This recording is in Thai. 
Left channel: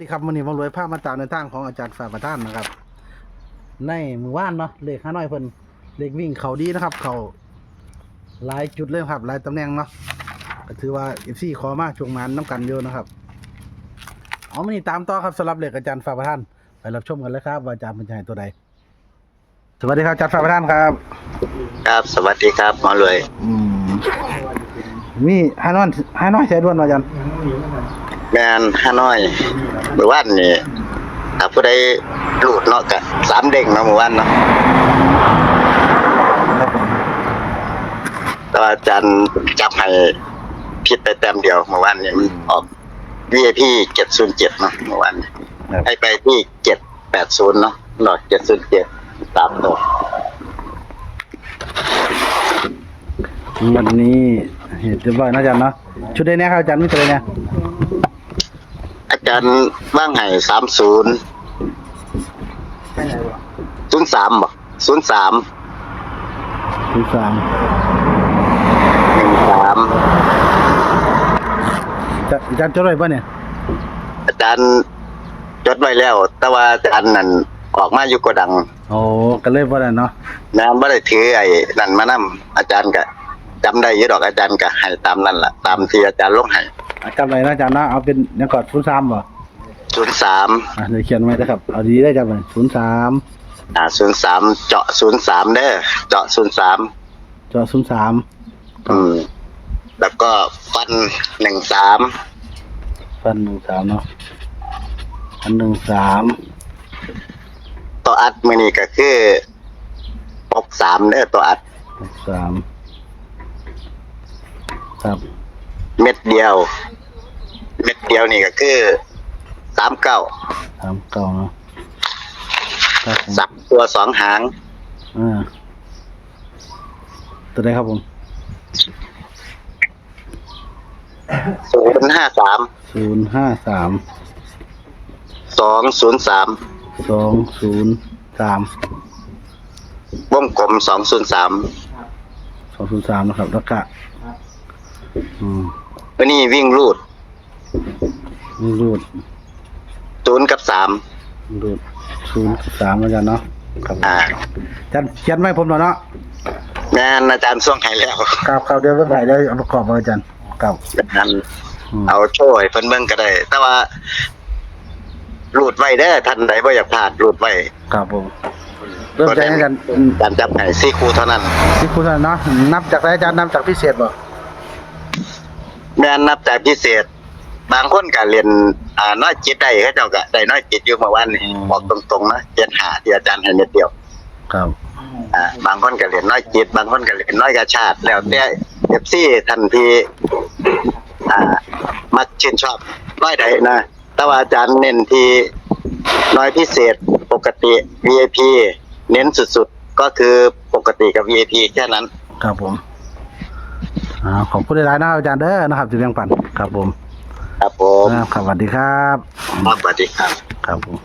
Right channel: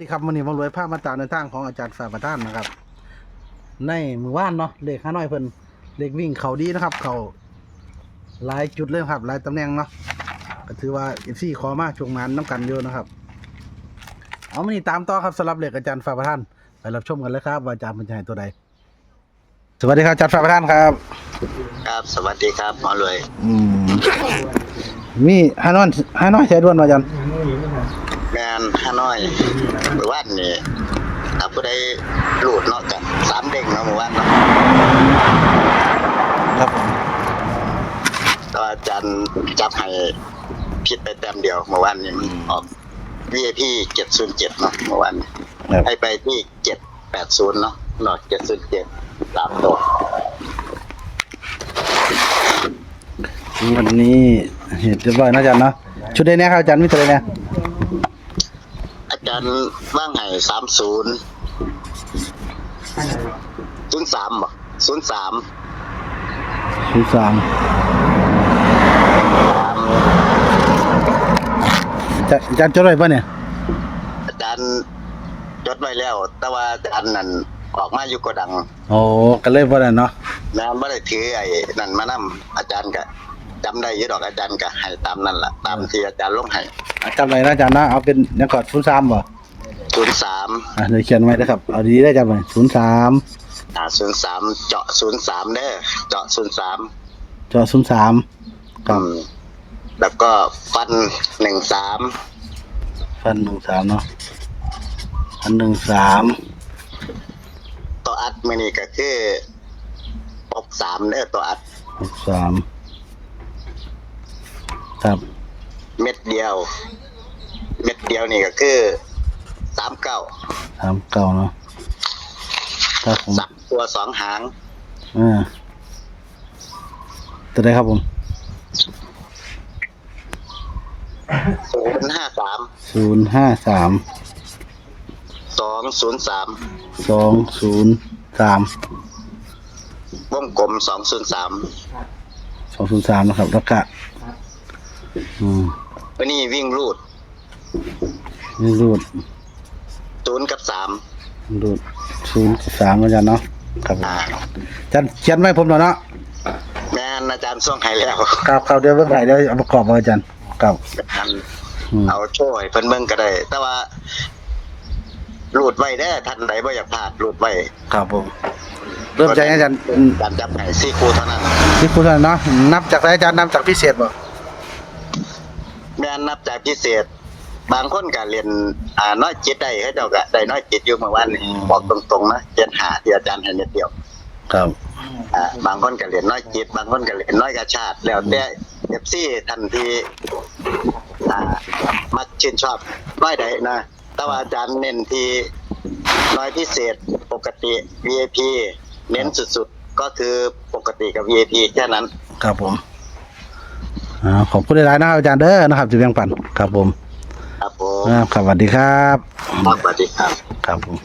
นี่ครับวันนี้มารวยภาพมาตามในทางของอาจารย์ฝ่ายประธานนะครับในมือว่านเนาะเลข5น้อยเพิ่นเลขวิ่งเขาดีนะครับเขาหลายจุดเลยครับหลายตำแหน่งเนาะก็ถือว่า FC ขอมาช่วงงานน้ำกันเยอะนะครับเอามานี่ตามต่อครับสำหรับเลขอาจารย์ฝ่ายประธานไปรับชมกันเลยครับว่าอาจารย์มันจะให้ตัวใดสวัสดีครับอาจารย์ฝ่ายประธานครับครับสวัสดีครับหมอรวยมี5น้อยใช้ด้วนมาอาจารย์แมนฮานอยเมื่อวานนี่ถ้าผู้ใดหลุดเนาะก็3เด้งเนาะเมื่อวานเนาะครับแต่ว่าอาจารย์จับให้ผิดไปแต้มเดียวเมื่อวานนี่มันออก VIP 707เนาะเมื่อวานให้ไปที่780เนาะหลอด707 3ตัววันนี้เรียบร้อยนะอาจารย์เนาะชุดใดเนี่ยครับอาจารย์มีตัวใดเนี่ยอาจารย์ว่างให้30 03บ่03 อาจารย์จดไว้ป่ะเนี่ยอาจารย์จดไว้แล้วแต่ว่าอาจารย์นั่นออกมาอยู่โกดังโอ้ก็เลยบ่ได้เนาะนะบ่ได้ถือไอ้นั่นมานำอาจารย์ก็จำได้อยู่ดอกอาจารย์ก็ให้ตามนั้นล่ะตามที่อาจารย์ลงให้จำได้นะอาจารย์นะเอาเป็นยังกอด03บ่03เดี๋ยวเขียนไว้นะครับเอาดีได้จำไว้03 03เจาะ03เด้อเจาะ03แล้วก็ฟัน13ฟัน13เนาะฟัน13ตัวอัดมื้อนี้ก็คือ63เด้อตัวอัด63ครับเม็ดเดียวนี่ก็คือ39เนาะครับผม3ตัว2หางตัวใดครับผม053 203วงกลม203นะครับแล้วก็วันนี้วิ่งรูด0กับ3รูด0กับ3อาจารย์เนาะครับอาจารย์เขียนไว้ผมหน่อยเนาะแม่นอาจารย์ส่งให้แล้วครับเดี๋ยวเบิ่งให้เดี๋ยวเอาประกอบอาจารย์ครับเอาโชว์ให้เพิ่นเบิ่งก็ได้แต่ว่ารูดไว้เด้อท่านใดบ่อยากพลาดรูดไว้ครับผมเริ่มใจอาจารย์จับให้4คู่เท่านั้น4คู่เท่านั้นเนาะนับจากอาจารย์นับจากพิเศษบ่แม่นนับจากพิเศษบางคนก็เรียนน้อยจิตได้เขาเจ้าก็ได้น้อยจิตอยู่เมื่อวานนี้บอกตรงๆนะ75ที่อาจารย์ให้เม็ดเดียวครับบางคนก็เรียนน้อยจิตบางคนก็เรียนน้อยกระชาติแล้วแต่ FC ทันทีมักชื่นชอบน้อยใดนะแต่ว่าอาจารย์เน้นที่น้อยพิเศษปกติ VIP เน้นสุดๆก็คือปกติกับ VIP แค่นั้นครับผมขอบคุณหลายๆนะครับอาจารย์เด้อนะครับจะแบ่งปันครับผมครับผมสวัสดีครับสวัสดีครับครับผม